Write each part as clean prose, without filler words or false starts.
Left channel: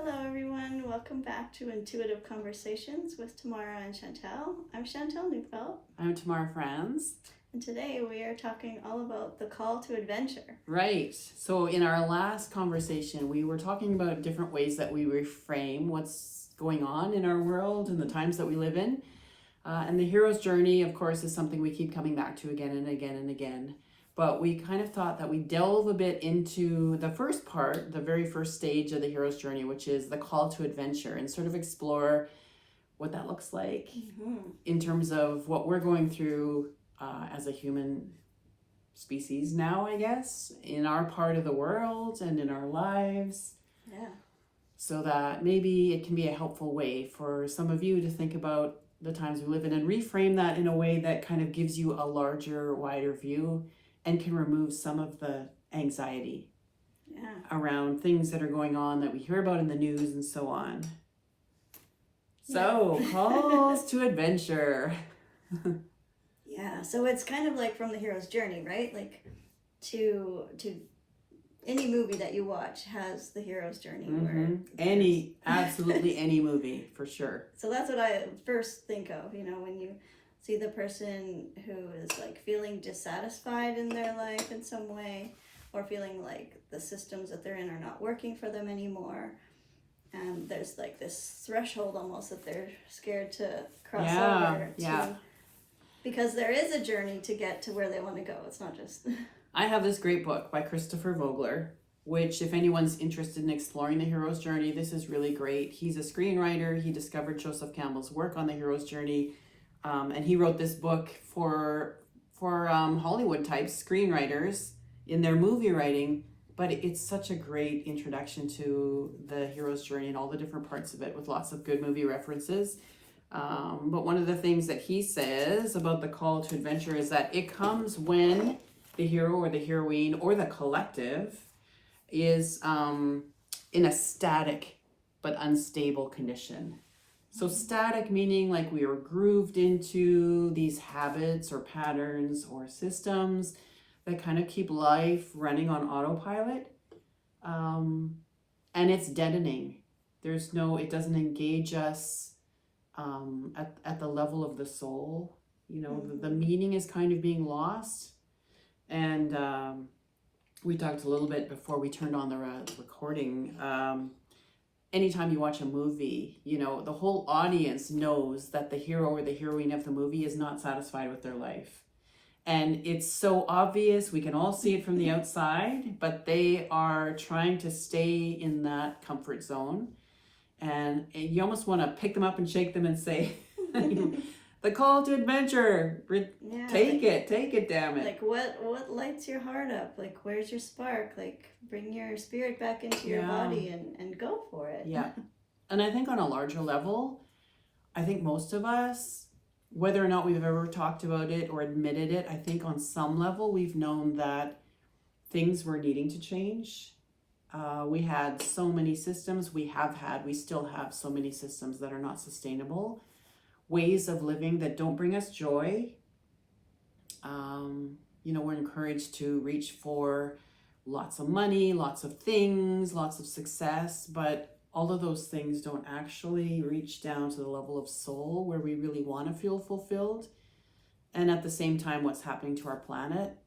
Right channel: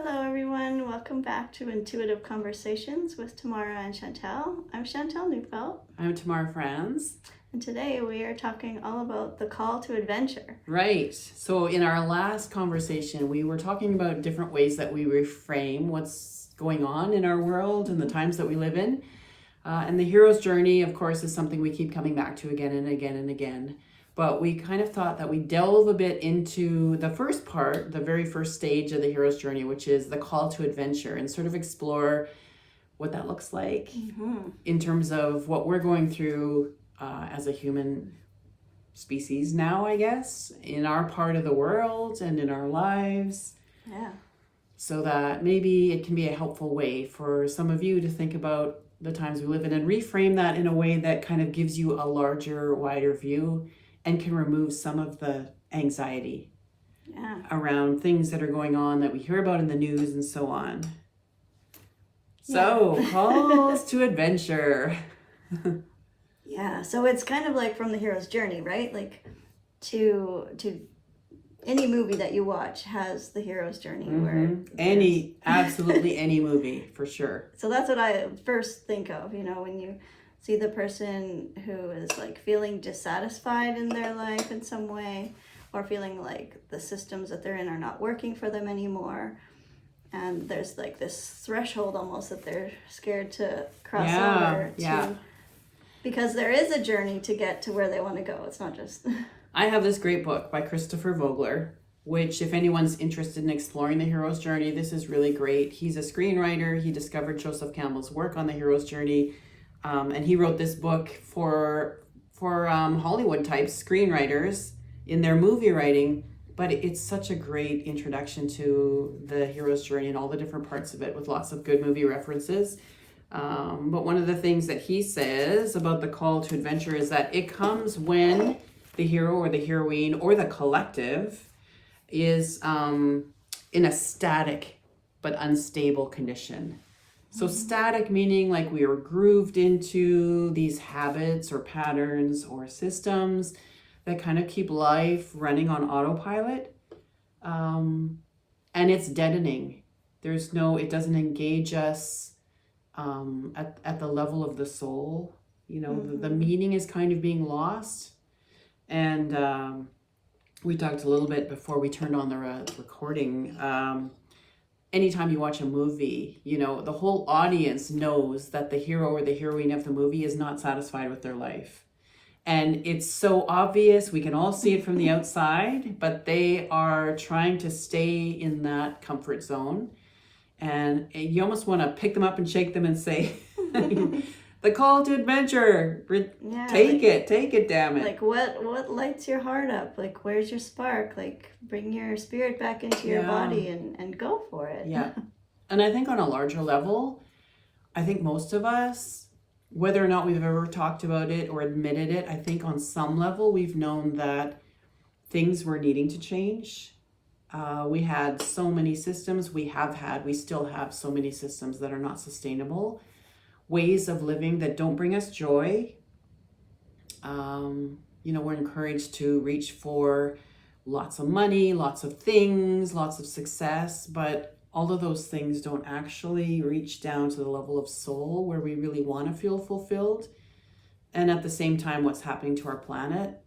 Hello, everyone. Welcome back to Intuitive Conversations with Tamara and Chantel. I'm Chantel Neufeld, I'm Tamara Franz. and today we are talking all about the call to adventure. Right. So, in our last conversation, we were talking about different ways that we reframe what's going on in our world and the times that we live in. And the hero's journey, of course, is something we keep coming back to again and again and again. But we kind of thought that we delve a bit into the first part, the very first stage of the hero's journey, which is the call to adventure, and sort of explore what that looks like in terms of what we're going through as a human species now, I guess, in our part of the world and in our lives. Yeah. So that maybe it can be a helpful way for some of you to think about the times we live in and reframe that in a way that kind of gives you a larger, wider view and can remove some of the anxiety around things that are going on that we hear about in the news and so on. So, calls to adventure. Yeah, so it's kind of like from the hero's journey, right? Like to any movie that you watch has the hero's journey. Absolutely any movie, for sure. So that's what I first think of, when you see the person who is like feeling dissatisfied in their life in some way, or feeling like the systems that they're in are not working for them anymore. And there's like this threshold almost that they're scared to cross over to, because there is a journey to get to where they want to go. It's not just... I have this great book by Christopher Vogler, which if anyone's interested in exploring the hero's journey, this is really great. He's a screenwriter. He discovered Joseph Campbell's work on the hero's journey. And he wrote this book for Hollywood type screenwriters in their movie writing. But it's such a great introduction to the hero's journey and all the different parts of it with lots of good movie references. But one of the things that he says about the call to adventure is that it comes when the hero or the heroine or the collective is in a static but unstable condition. So static meaning like we are grooved into these habits or patterns or systems that kind of keep life running on autopilot. And it's deadening. It doesn't engage us at the level of the soul. The meaning is kind of being lost. And we talked a little bit before we turned on the recording. Anytime you watch a movie, the whole audience knows that the hero or the heroine of the movie is not satisfied with their life. And it's so obvious, we can all see it from the outside, but they are trying to stay in that comfort zone. And you almost want to pick them up and shake them and say, the call to adventure, take it, damn it. Like what lights your heart up? Like where's your spark? Like bring your spirit back into your body and go for it. Yeah. And I think on a larger level, I think most of us, whether or not we've ever talked about it or admitted it, I think on some level we've known that things were needing to change. We had so many systems, we still have so many systems that are not sustainable. Ways of living that don't bring us joy. We're encouraged to reach for lots of money, lots of things, lots of success, but all of those things don't actually reach down to the level of soul where we really want to feel fulfilled. And at the same time, what's happening to our planet,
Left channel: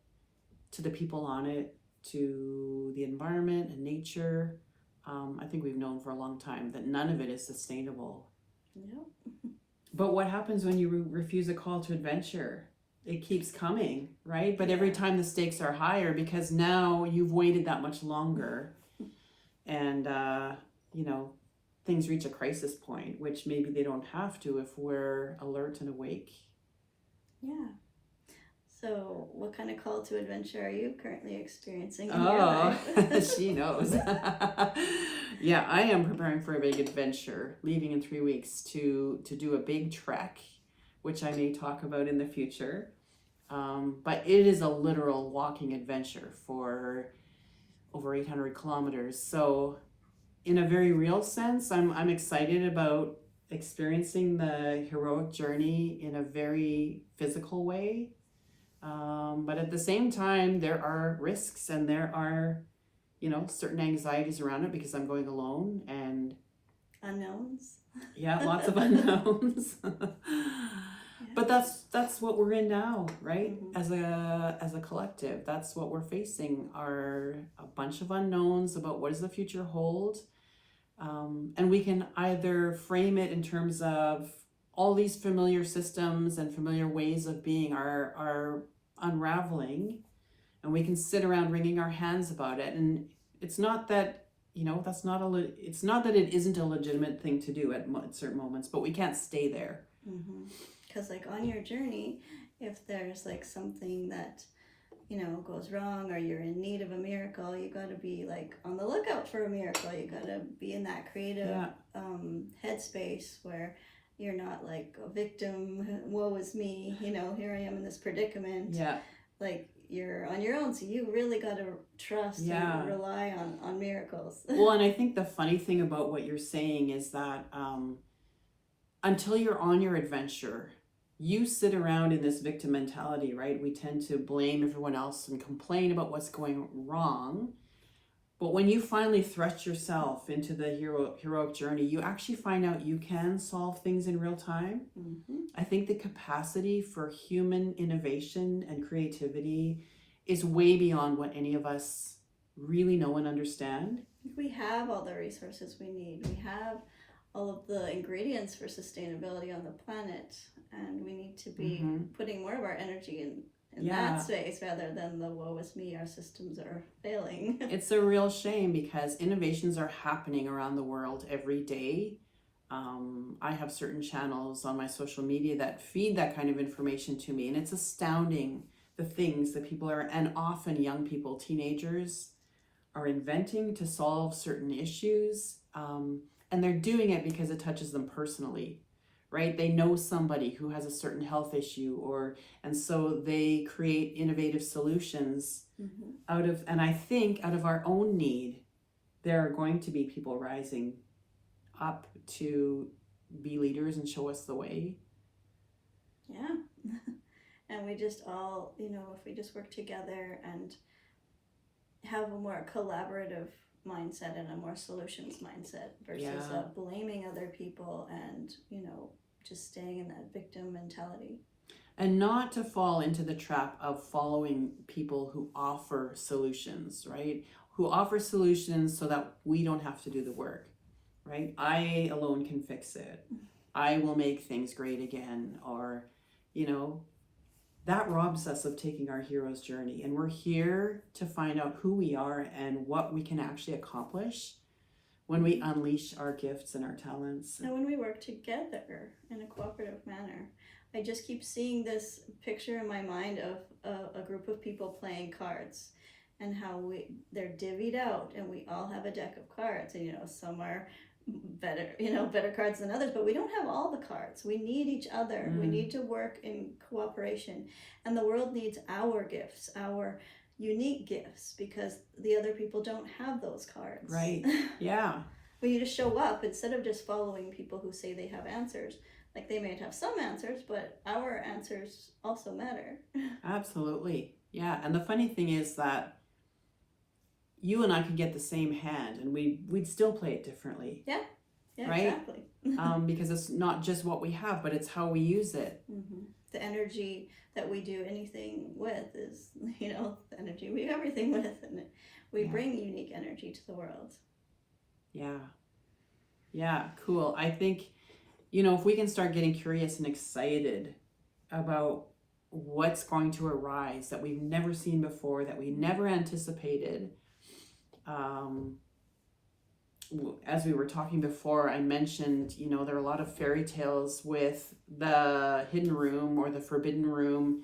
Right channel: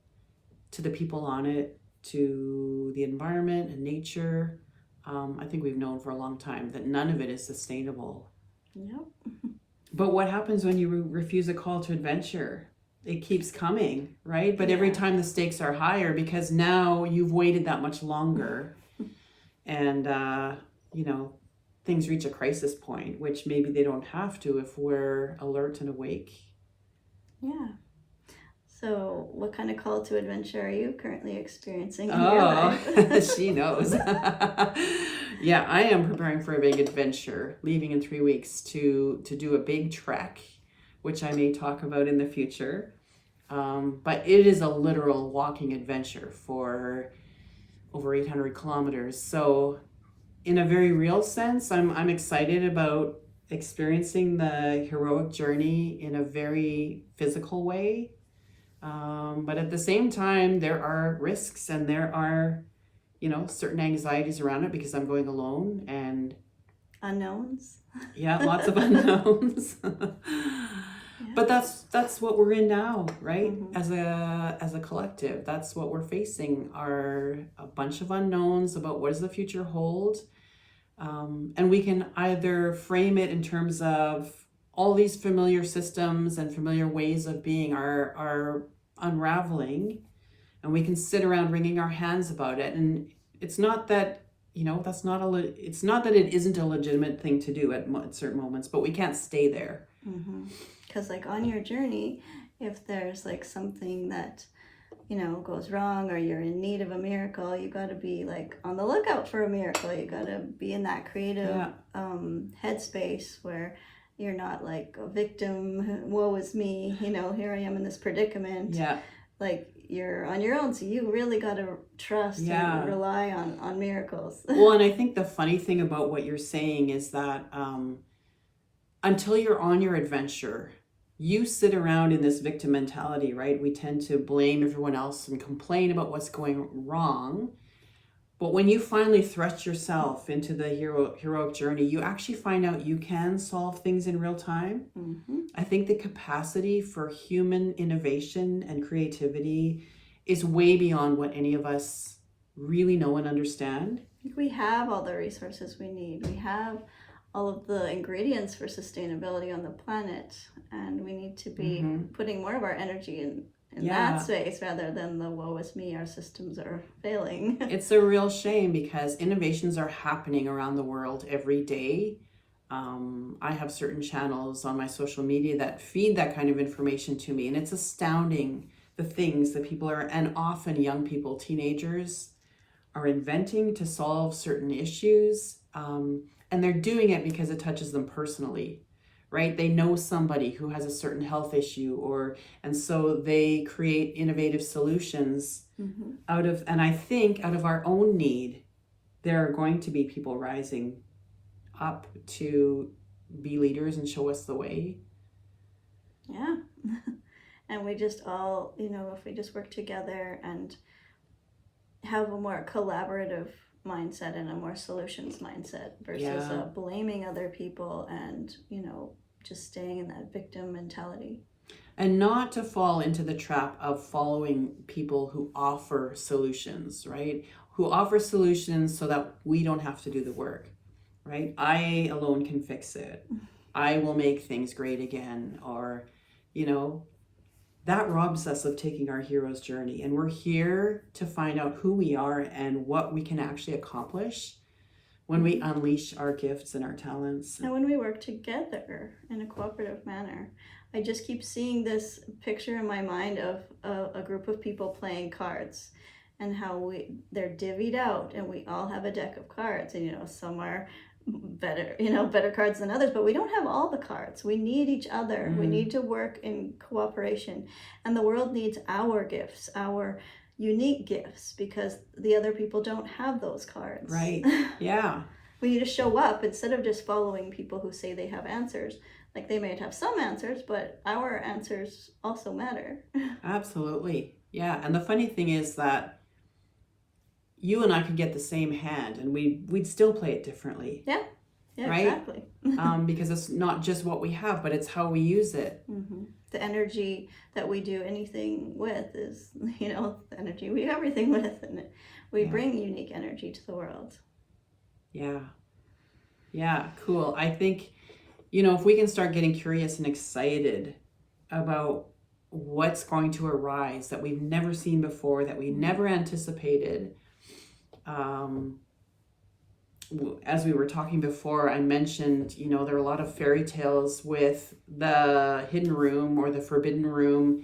to the people on it, to the environment and nature. I think we've known for a long time that none of it is sustainable. Yep. But what happens when you refuse a call to adventure? It keeps coming, right? But every time the stakes are higher because now you've waited that much longer. And, things reach a crisis point, which maybe they don't have to if we're alert and awake. Yeah. So what kind of call to adventure are you currently experiencing in your life? She knows. Yeah, I am preparing for a big adventure, leaving in 3 weeks to do a big trek, which I may talk about in the future. But it is a literal walking adventure for over 800 kilometers. So in a very real sense, I'm excited about experiencing the heroic journey in a very physical way. But at the same time, there are risks and there are certain anxieties around it because I'm going alone, and Unknowns. yeah, lots of unknowns. Yeah. But that's what we're in now, right? Mhm. As a collective, that's what we're facing, are a bunch of unknowns about what does the future hold. And we can either frame it in terms of all these familiar systems and familiar ways of being are unraveling, and we can sit around wringing our hands about it. And it's not that, it's not that it isn't a legitimate thing to do at certain moments, but we can't stay there. Because like on your journey, if there's like something that goes wrong, or you're in need of a miracle, you got to be like on the lookout for a miracle. You got to be in that creative headspace where you're not like a victim, woe is me, here I am in this predicament. Yeah. Like you're on your own, so you really got to trust and rely on miracles. Well, and I think the funny thing about what you're saying is that until you're on your adventure, you sit around in this victim mentality, right? We tend to blame everyone else and complain about what's going wrong. But when you finally thrust yourself into the heroic journey, you actually find out you can solve things in real time. I think the capacity for human innovation and creativity is way beyond what any of us really know and understand. We have all the resources we need. We have all of the ingredients for sustainability on the planet, and we need to be putting more of our energy in that space rather than the woe is me, our systems are failing. It's a real shame because innovations are happening around the world every day. I have certain channels on my social media that feed that kind of information to me, and it's astounding the things that people are, and often young people, teenagers, are inventing to solve certain issues. And they're doing it because it touches them personally, right? They know somebody who has a certain health issue, and so they create innovative solutions and I think out of our own need, there are going to be people rising up to be leaders and show us the way. Yeah. And we just all, if we just work together and have a more collaborative mindset and a more solutions mindset versus blaming other people and just staying in that victim mentality, and not to fall into the trap of following people who offer solutions, right? Who offer solutions so that we don't have to do the work, right? I alone can fix it. I will make things great again, or that robs us of taking our hero's journey. And we're here to find out who we are and what we can actually accomplish when we unleash our gifts and our talents. And when we work together in a cooperative manner. I just keep seeing this picture in my mind of a group of people playing cards, and how they're divvied out, and we all have a deck of cards, and some are better cards than others, but we don't have all the cards. We need each other. We need to work in cooperation, and the world needs our gifts, our unique gifts, because the other people don't have those cards. Right. Yeah. We need to show up instead of just following people who say they have answers. Like, they may have some answers, but our answers also matter. Absolutely. Yeah. And the funny thing is that you and I could get the same hand and we'd still play it differently. Yeah, right? Exactly. Because it's not just what we have, but it's how we use it. The energy that we do anything with is, the energy we do everything with, and we bring unique energy to the world. Yeah, cool. I think, if we can start getting curious and excited about what's going to arise that we've never seen before, that we never anticipated. As we were talking before, I mentioned, there are a lot of fairy tales with the hidden room or the forbidden room.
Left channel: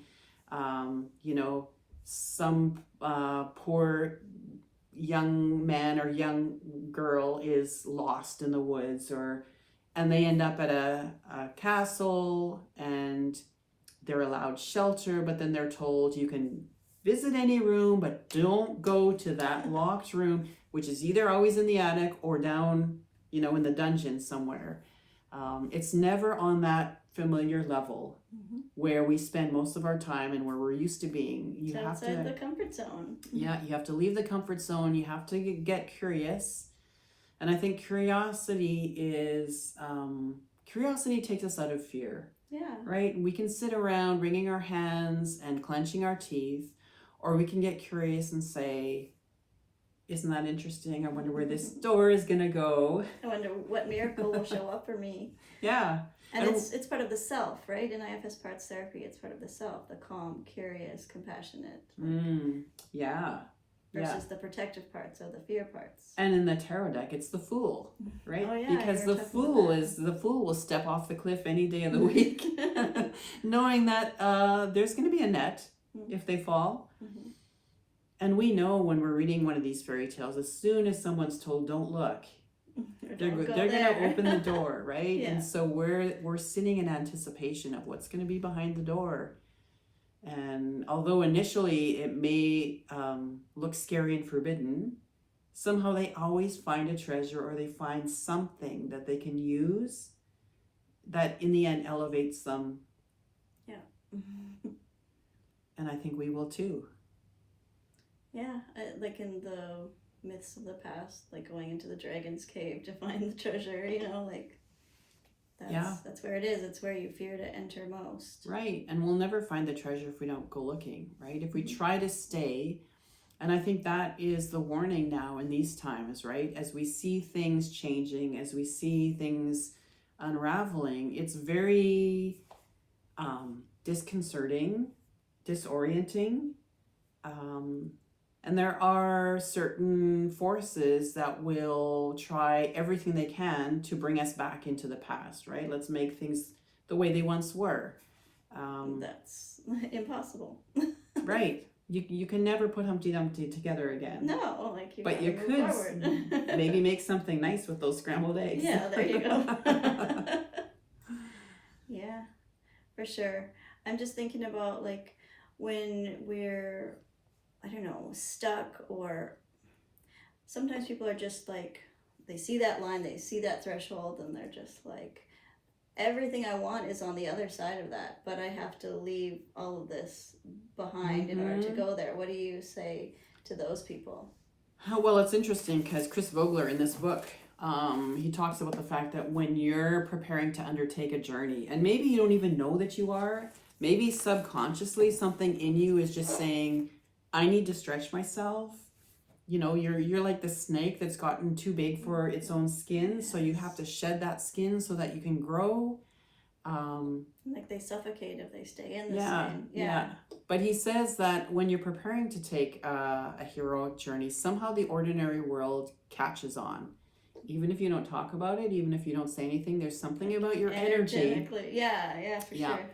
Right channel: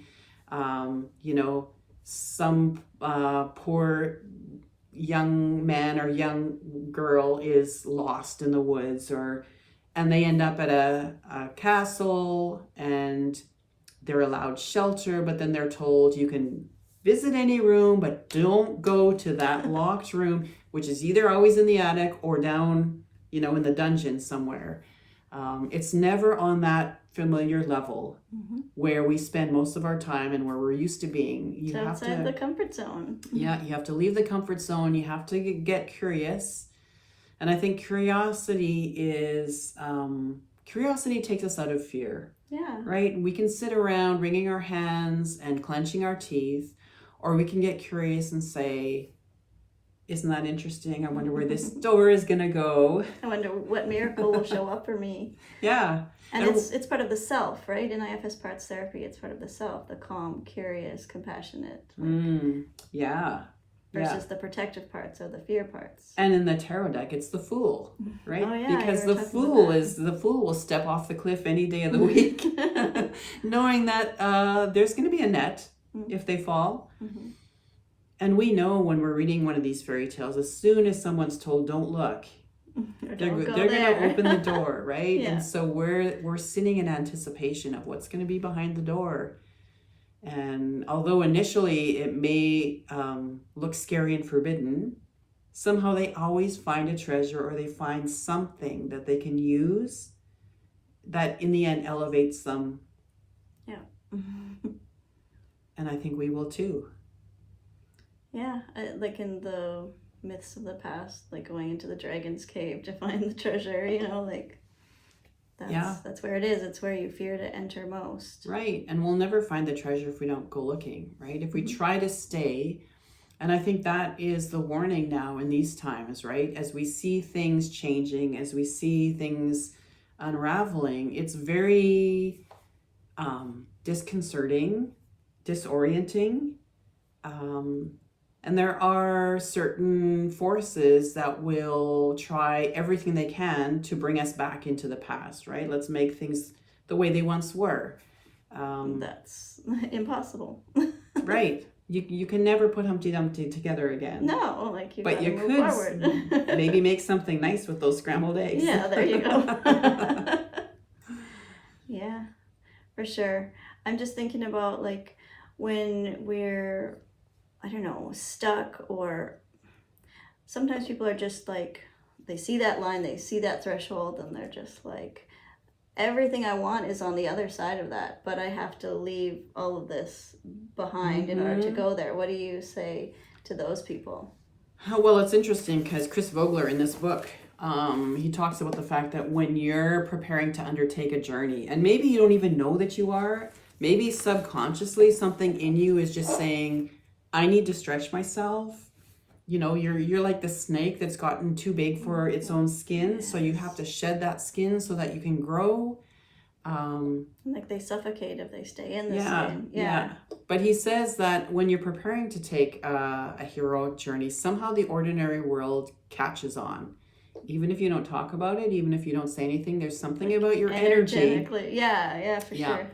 Some poor young man or young girl is lost in the woods, and they end up at a castle, and they're allowed shelter, but then they're told you can visit any room, but don't go to that locked room, which is either always in the attic or down, in the dungeon somewhere. It's never on that familiar level where we spend most of our time and where we're used to being. You So have outside to, the comfort zone. yeah, you have to leave the comfort zone. You have to get curious. And I think curiosity takes us out of fear. Yeah. Right? We can sit around wringing our hands and clenching our teeth, or we can get curious and say, isn't that interesting? I wonder where this store is going to go. I wonder what miracle will show up for me. Yeah. And it's part of the self, right? In IFS parts therapy, it's part of the self, the calm, curious, compassionate. Yeah. Versus the protective parts or the fear parts. And in the tarot deck, it's the Fool, right? Oh, yeah, because the Fool will step off the cliff any day of the week, knowing that there's going to be a net if they fall. Mm-hmm. And we know when we're reading one of these fairy tales, as soon as someone's told, don't look, they're going to open the door, right? Yeah. And so we're sitting in anticipation of what's going to be behind the door. And although initially it may look scary and forbidden, somehow they always find a treasure, or they find something that they can use that in the end elevates them. Yeah. And I think we will too. Yeah, like in the myths of the past, like going into the dragon's cave to find the treasure, like that's where it is. It's where you fear to enter most. Right. And we'll never find the treasure if we don't go looking, right? If we try to stay. And I think that is the warning now in these times, right? As we see things changing, as we see things unraveling, it's very disconcerting, disorienting. And there are certain forces that will try everything they can to bring us back into the past, right? Let's make things the way they once were. That's impossible. Right. You can never put Humpty Dumpty together again. No, but you could maybe make something nice with those scrambled eggs. Yeah, there you go. Yeah, for sure. I'm just thinking about like when we're, I don't know, stuck, or sometimes people are just like, they see that line, they see that threshold, and they're just like, everything I want is on the other side of that, but I have to leave all of this behind in order to go there. What do you say to those people? Well, it's interesting because Chris Vogler in this book, he talks about the fact that when you're preparing to undertake a journey, and maybe you don't even know that you are, maybe subconsciously something in you is just saying, I need to stretch myself. You're like the snake that's gotten too big for its own skin. Yes. So you have to shed that skin so that you can grow. Like they suffocate if they stay in the skin. Yeah. But he says that when you're preparing to take a heroic journey, somehow the ordinary world catches on. Even if you don't talk about it, even if you don't say anything, there's something about your energy. Yeah, for sure.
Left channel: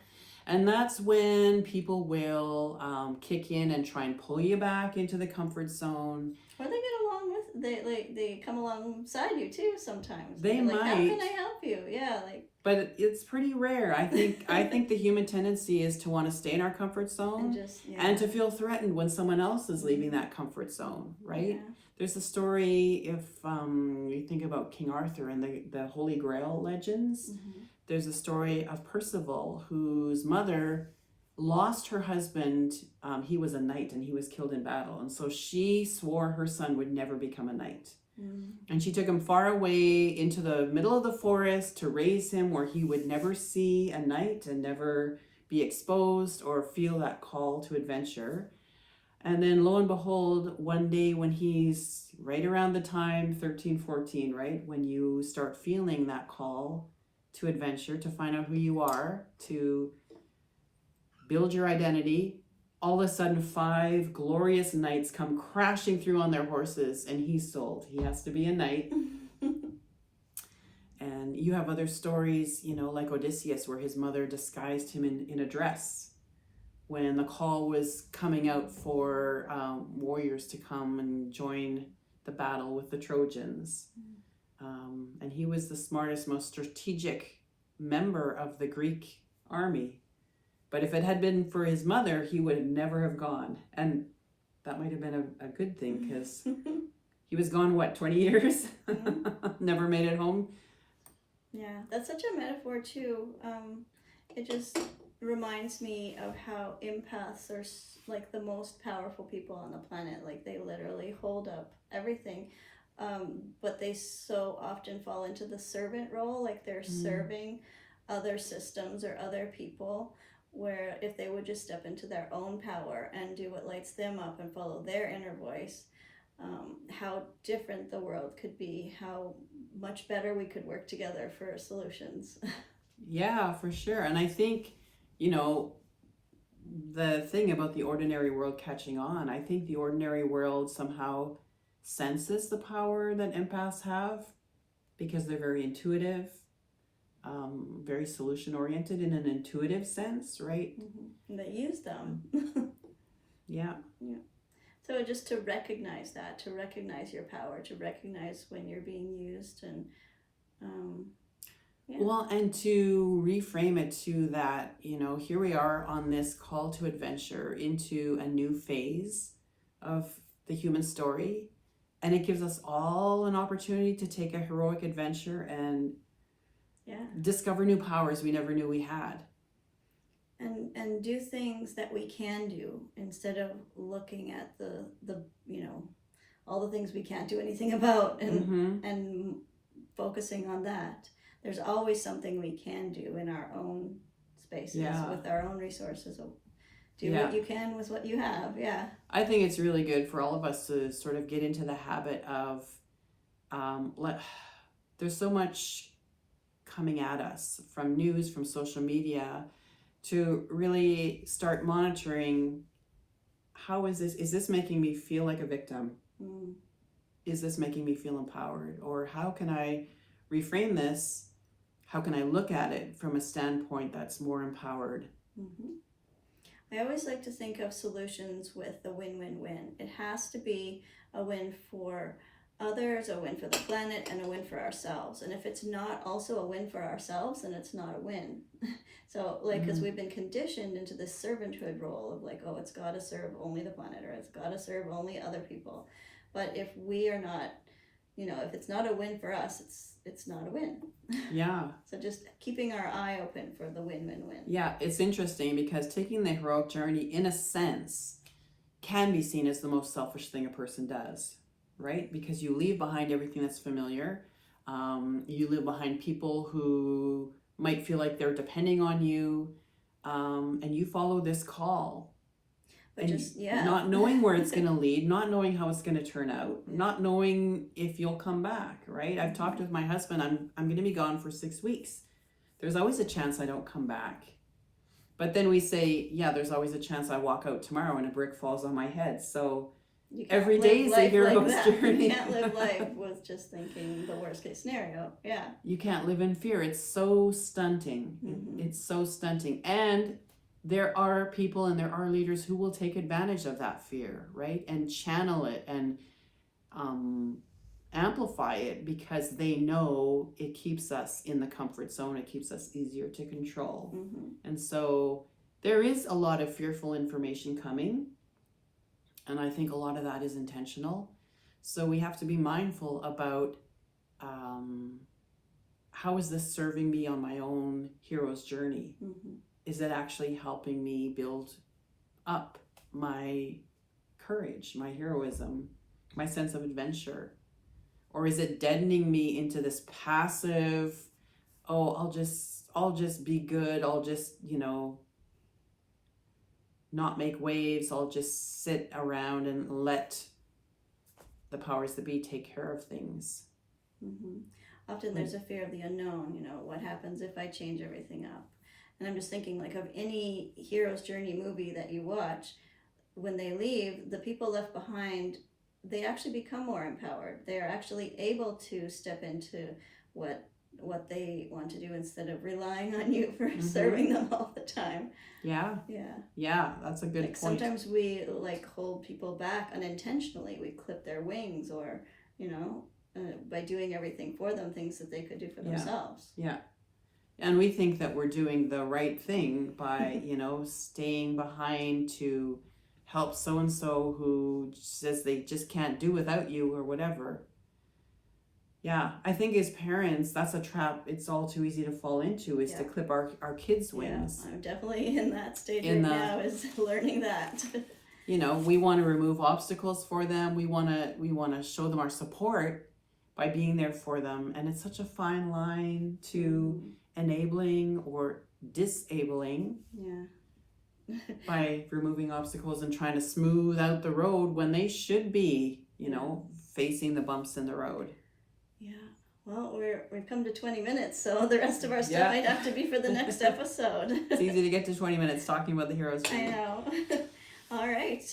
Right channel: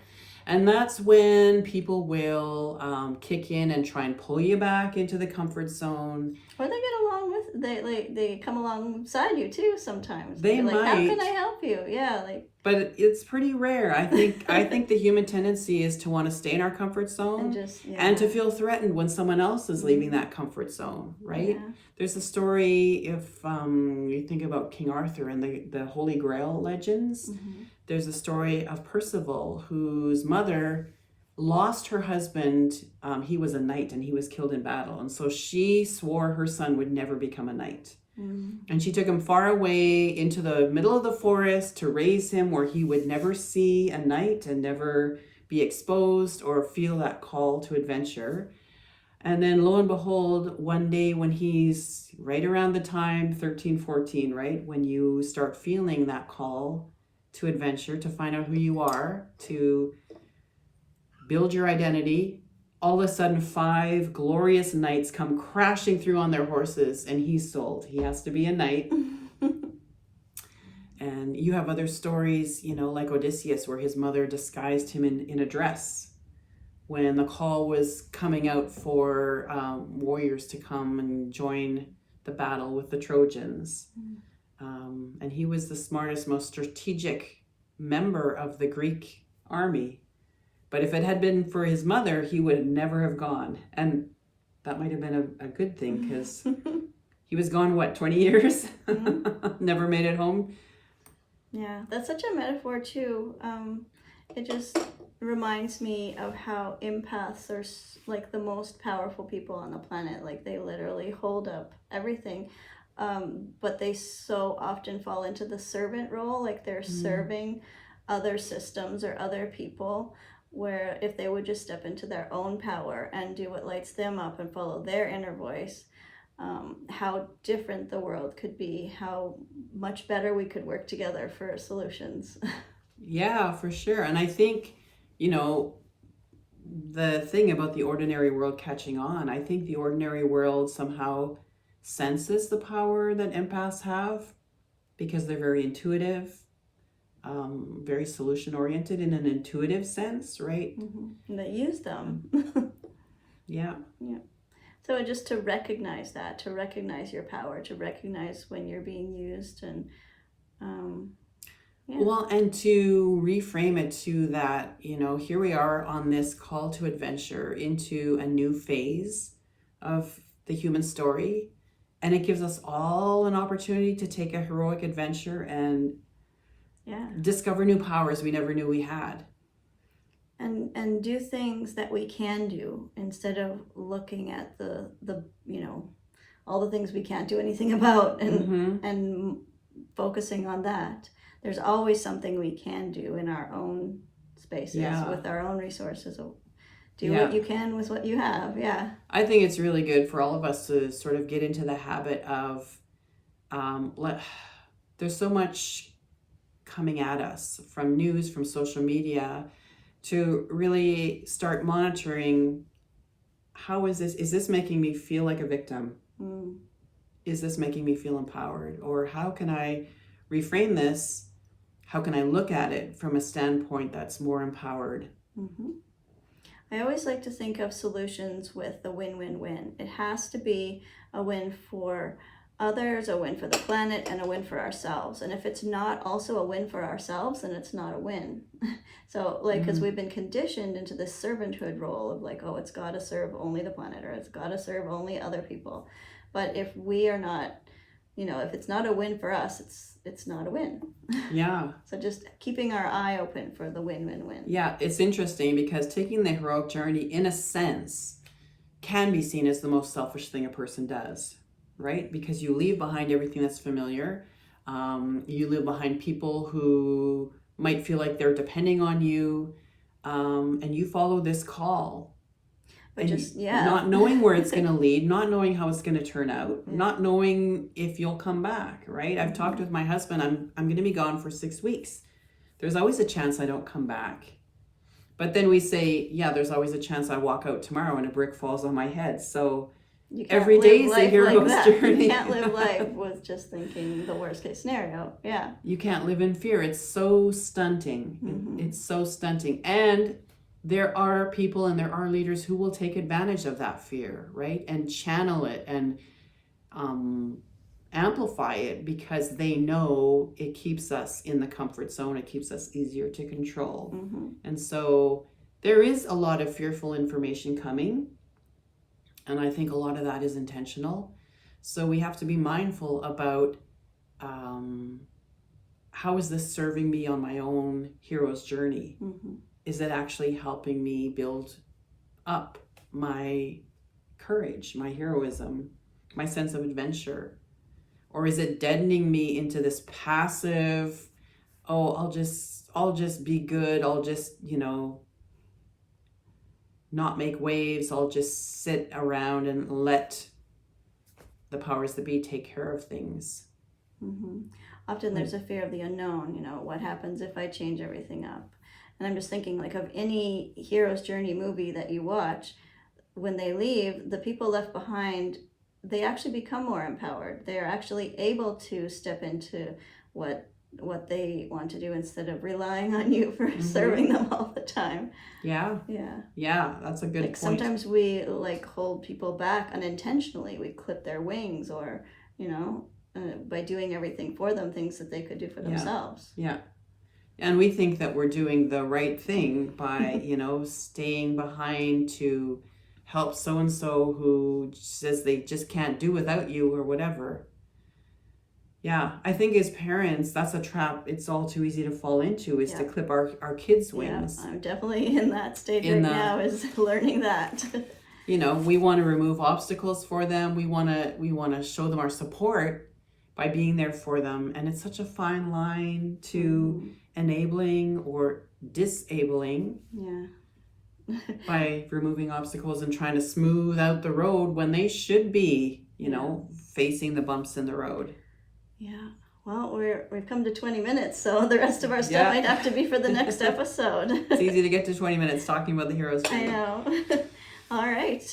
And that's when people will kick in and try and pull you back into the comfort zone. Or they get along with, they come alongside you too sometimes. They might. How can I help you? Yeah, But it's pretty rare. I think the human tendency is to want to stay in our comfort zone and to feel threatened when someone else is leaving that comfort zone, right? Yeah. There's a story, if you think about King Arthur and the Holy Grail legends, there's a story of Percival, whose mother lost her husband. He was a knight and he was killed in battle. And so she swore her son would never become a knight. And she took him far away into the middle of the forest to raise him where he would never see a knight and never be exposed or feel that call to adventure. And then lo and behold, one day when he's right around the time 13, 14, right? When you start feeling that call to adventure, to find out who you are, to build your identity, all of a sudden 5 glorious knights come crashing through on their horses and he's sold. He has to be a knight. And you have other stories, like Odysseus, where his mother disguised him in a dress when the call was coming out for warriors to come and join the battle with the Trojans. And he was the smartest, most strategic member of the Greek army. But if it had been for his mother, he would never have gone. And that might have been a good thing, because he was gone, 20 years? Never made it home. Yeah, that's such a metaphor too. It just reminds me of how empaths are like the most powerful people on the planet. Like they literally hold up everything, but they so often fall into the servant role. Like they're Mm. serving other systems or other people. Where if they would just step into their own power and do what lights them up and follow their inner voice, how different the world could be, how much better we could work together for solutions. Yeah, for sure. And I think, you know, the thing about the ordinary world catching on, I think the ordinary world somehow senses the power that empaths have because they're very intuitive, very solution oriented in an intuitive sense, right? And they use them. Yeah. Yeah. So just to recognize that, to recognize your power, to recognize when you're being used, and yeah. Well, and to reframe it to that, you know, here we are on this call to adventure into a new phase of the human story. And it gives us all an opportunity to take a heroic adventure and Yeah. discover new powers we never knew we had. And do things that we can do instead of looking at the all the things we can't do anything about, and focusing on that. There's always something we can do in our own spaces, Yeah. with our own resources. Do Yeah. what you can with what you have. Yeah. I think it's really good for all of us to sort of get into the habit of there's so much coming at us from news, from social media, to really start monitoring how is this making me feel like a victim? Is this making me feel empowered? Or how can I reframe this? How can I look at it from a standpoint that's more empowered? I always like to think of solutions with the win-win-win. It has to be a win for others, a win for the planet, and a win for ourselves. And if it's not also a win for ourselves, then it's not a win. So, like, because we've been conditioned into this servanthood role of like, oh, it's got to serve only the planet, or it's got to serve only other people. But if we are not, if it's not a win for us, it's not a win. Yeah. So just keeping our eye open for the win-win-win. Yeah, it's interesting because taking the heroic journey, in a sense, can be seen as the most selfish thing a person does, right? Because you leave behind everything that's familiar. You leave behind people who might feel like they're depending on you, and you follow this call. But not knowing where it's going to lead, not knowing how it's going to turn out, not knowing if you'll come back, right? I've talked with my husband. I'm going to be gone for 6 weeks. There's always a chance I don't come back. But then we say, yeah, there's always a chance I walk out tomorrow and a brick falls on my head. So every day is a hero's journey. You can't live life with just thinking the worst case scenario. Yeah. You can't live in fear. It's so stunting. It's so stunting. And there are people and there are leaders who will take advantage of that fear, right? And channel it and amplify it because they know it keeps us in the comfort zone. It keeps us easier to control. And so there is a lot of fearful information coming. And I think a lot of that is intentional. So we have to be mindful about how is this serving me on my own hero's journey? Is it actually helping me build up my courage, my heroism, my sense of adventure? Or is it deadening me into this passive, oh, I'll just be good. I'll just, not make waves. I'll just sit around and let the powers that be take care of things. Often there's a fear of the unknown. What happens if I change everything up? And I'm just thinking like of any hero's journey movie that you watch, when they leave, the people left behind, they actually become more empowered. They're actually able to step into what they want to do instead of relying on you for serving them all the time. Yeah, that's a good point. Sometimes we hold people back unintentionally. We clip their wings, or by doing everything for them, things that they could do for themselves. And we think that we're doing the right thing by staying behind to help so-and-so who says they just can't do without you or whatever. Yeah, I think as parents, that's a trap it's all too easy to fall into, is to clip our kids' wings. Yeah, I'm definitely in that stage now, is learning that. You know, we want to remove obstacles for them. We want to show them our support by being there for them. And it's such a fine line to enabling or disabling. Yeah. By removing obstacles and trying to smooth out the road when they should be, you know, facing the bumps in the road. Yeah. Well, we've come to 20 minutes, so the rest of our stuff might have to be for the next episode. It's easy to get to 20 minutes talking about the hero's journey. I know. All right.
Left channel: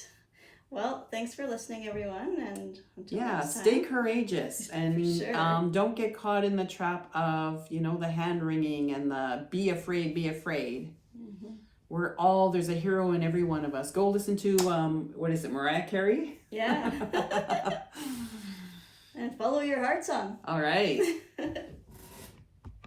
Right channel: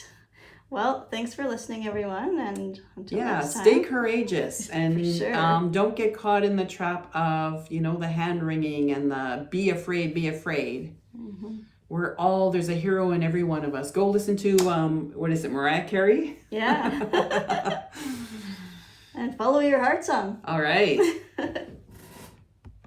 Well, thanks for listening, everyone, and until next time. Stay courageous and sure. Don't get caught in the trap of, you know, the hand wringing and the be afraid, be afraid. Mm-hmm. There's a hero in every one of us. Go listen to, what is it, Mariah Carey? Yeah. And follow your heart song. All right.